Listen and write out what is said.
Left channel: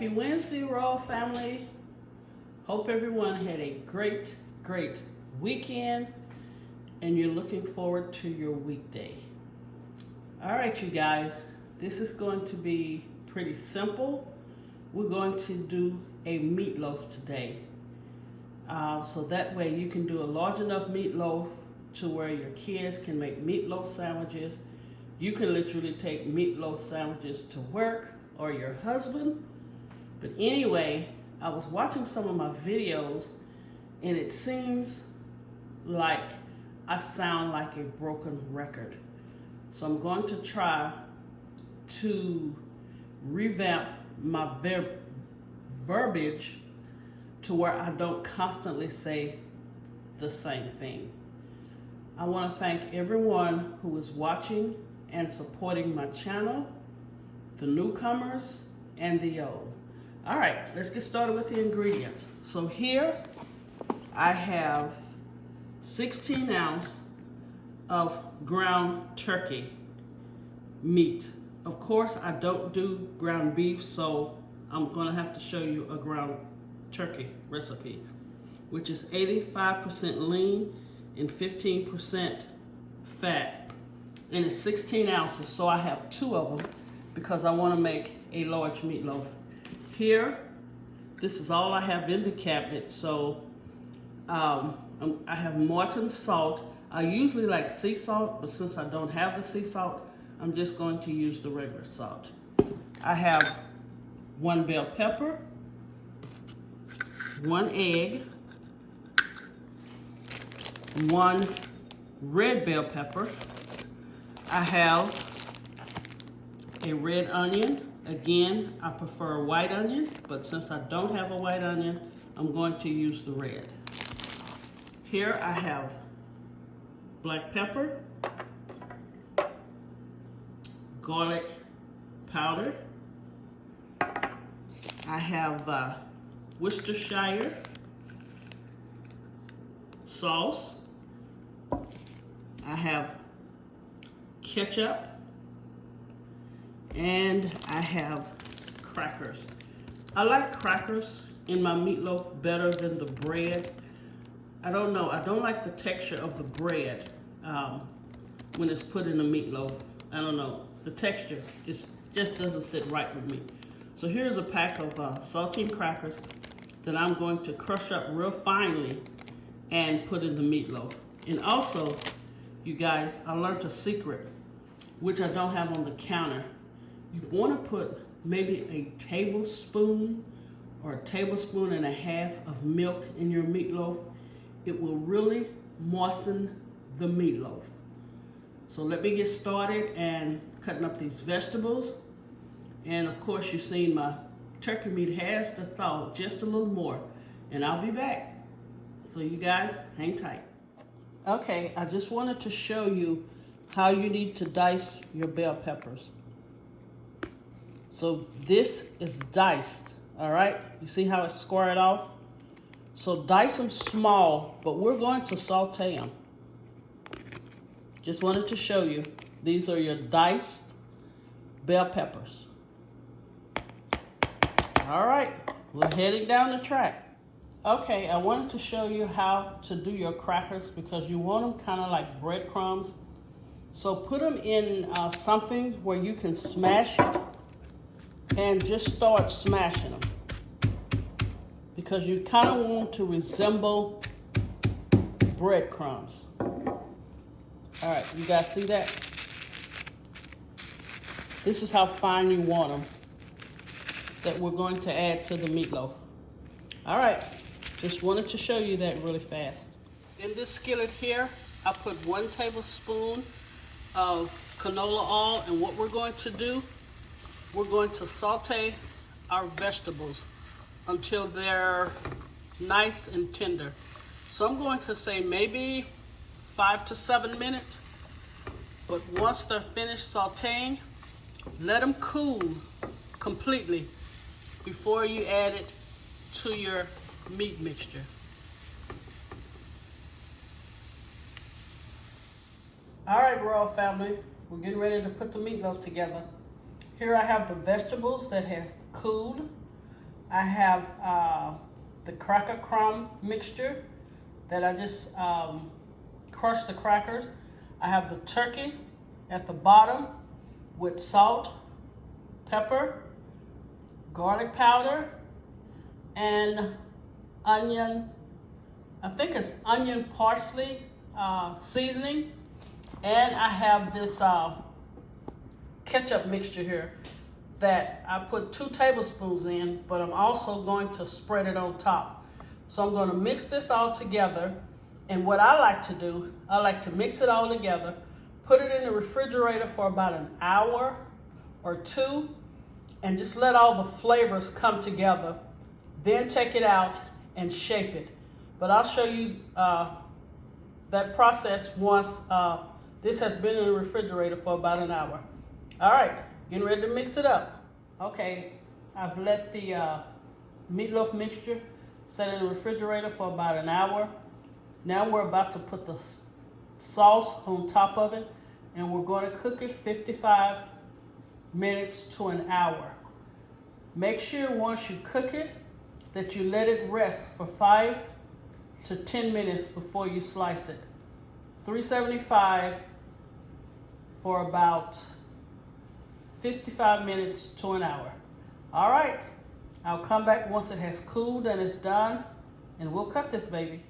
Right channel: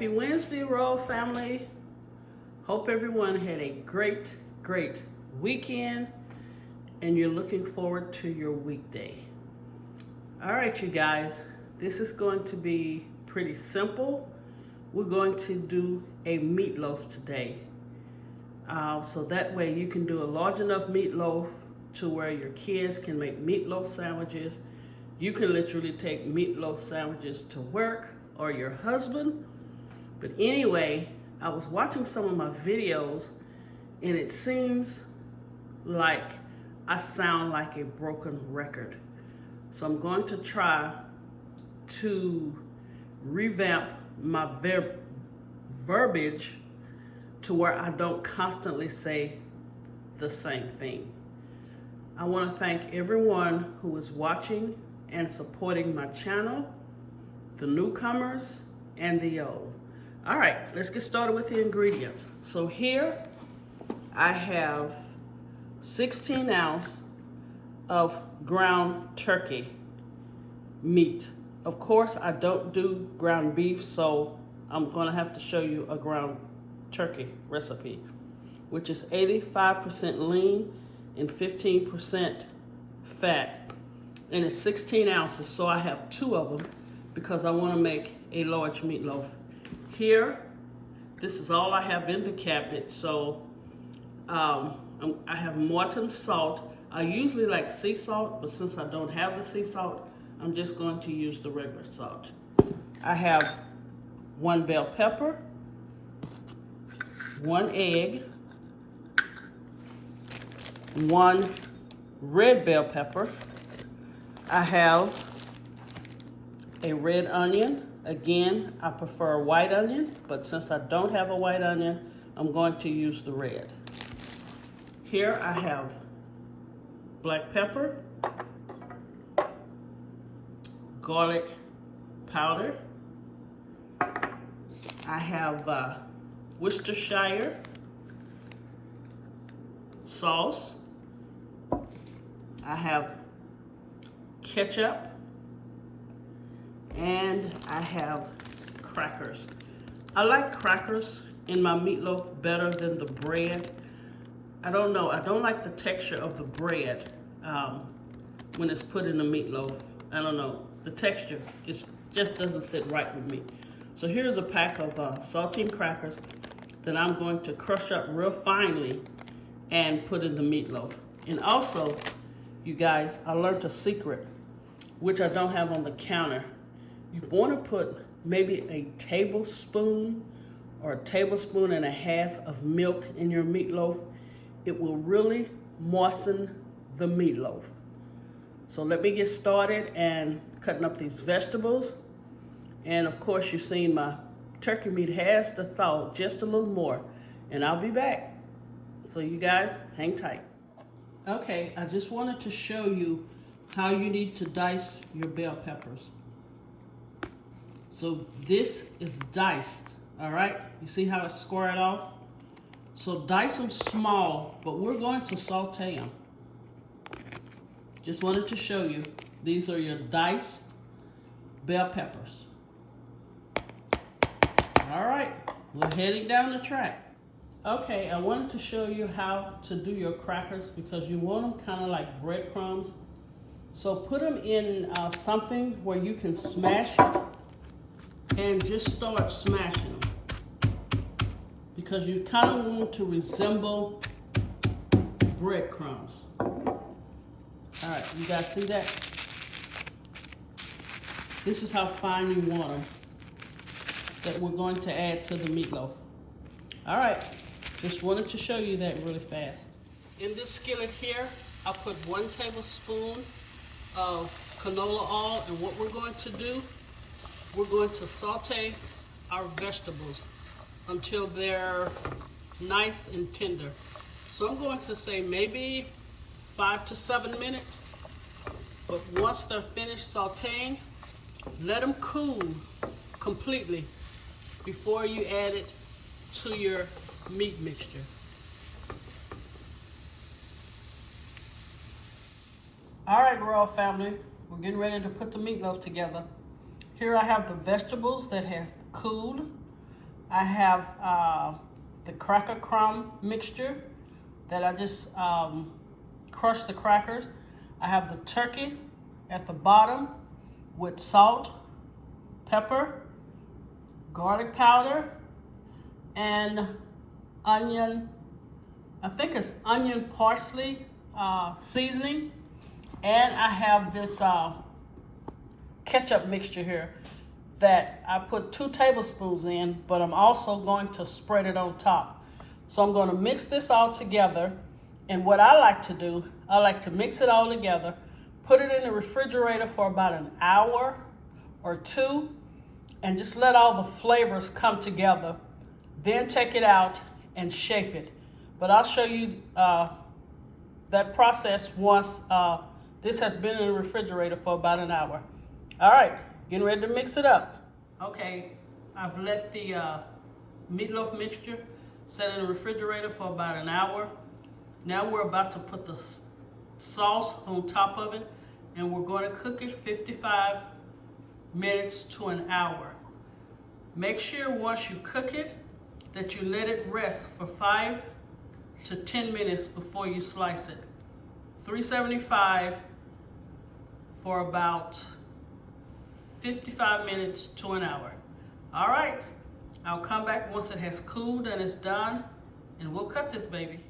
Happy Wednesday, Royal family. Hope everyone had a great weekend and you're looking forward to your weekday. All right, you guys, this is going to be pretty simple. We're going to do a meatloaf today. So that way you can do a large enough meatloaf to where your kids can make meatloaf sandwiches. You can literally take meatloaf sandwiches to work or your husband. But anyway, I was watching some of my videos and it seems like I sound like a broken record. So I'm going to try to revamp my verbiage to where I don't constantly say the same thing. I want to thank everyone who is watching and supporting my channel, the newcomers and the old. All right, let's get started with the ingredients. So here I have 16 ounces of ground turkey meat. Of course, I don't do ground beef, so I'm gonna have to show you a ground turkey recipe, which is 85% lean and 15% fat, and it's 16 ounces, so I have 2 of them because I want to make a large meatloaf. Here, this is all I have in the cabinet, so I have Morton salt. I usually like sea salt, but since I don't have the sea salt, I'm just going to use the regular salt. I have 1 bell pepper, 1 egg, 1 red bell pepper. I have a red onion. Again, I prefer a white onion, but since I don't have a white onion, I'm going to use the red. Here I have black pepper, garlic powder. I have Worcestershire sauce. I have ketchup, and I have crackers. I like crackers in my meatloaf better than the bread. I don't know, I don't like the texture of the bread when it's put in the meatloaf. I don't know, the texture just doesn't sit right with me. So here's a pack of saltine crackers that I'm going to crush up real finely and put in the meatloaf. And also, you guys, I learned a secret, which I don't have on the counter. You want to put maybe a tablespoon or a tablespoon and a half of milk in your meatloaf. It will really moisten the meatloaf. So let me get started and cutting up these vegetables. And of course, you've seen my turkey meat has to thaw just a little more, and I'll be back. So you guys, hang tight. Okay, I just wanted to show you how you need to dice your bell peppers. So this is diced, all right? You see how it's squared off? So dice them small, but we're going to saute them. Just wanted to show you, these are your diced bell peppers. All right, we're heading down the track. Okay, I wanted to show you how to do your crackers because you want them kind of like breadcrumbs. So put them in something where you can smash it and just start smashing them because you kind of want to resemble breadcrumbs. All right, you guys see that? This is how fine you want them that we're going to add to the meatloaf. All right, just wanted to show you that really fast. In this skillet here, I put 1 tablespoon of canola oil, and what we're going to do, we're going to saute our vegetables until they're nice and tender. So I'm going to say maybe 5 to 7 minutes, but once they're finished sauteing, let them cool completely before you add it to your meat mixture. All right, Royal family, we're getting ready to put the meatloaf together. Here I have the vegetables that have cooled. I have the cracker crumb mixture that I just crushed the crackers. I have the turkey at the bottom with salt, pepper, garlic powder, and onion. I think it's onion parsley seasoning. And I have this ketchup mixture here that I put 2 tablespoons in, but I'm also going to spread it on top. So I'm going to mix this all together. And what I like to do, I like to mix it all together, put it in the refrigerator for about an hour or 2, and just let all the flavors come together. Then take it out and shape it. But I'll show you that process once this has been in the refrigerator for about an hour. All right, getting ready to mix it up. Okay, I've let the meatloaf mixture set in the refrigerator for about an hour. Now we're about to put the sauce on top of it, and we're going to cook it 55 minutes to an hour. Make sure once you cook it that you let it rest for 5 to 10 minutes before you slice it. 375 for about 55 minutes to an hour. All right, I'll come back once it has cooled and it's done, and we'll cut this baby.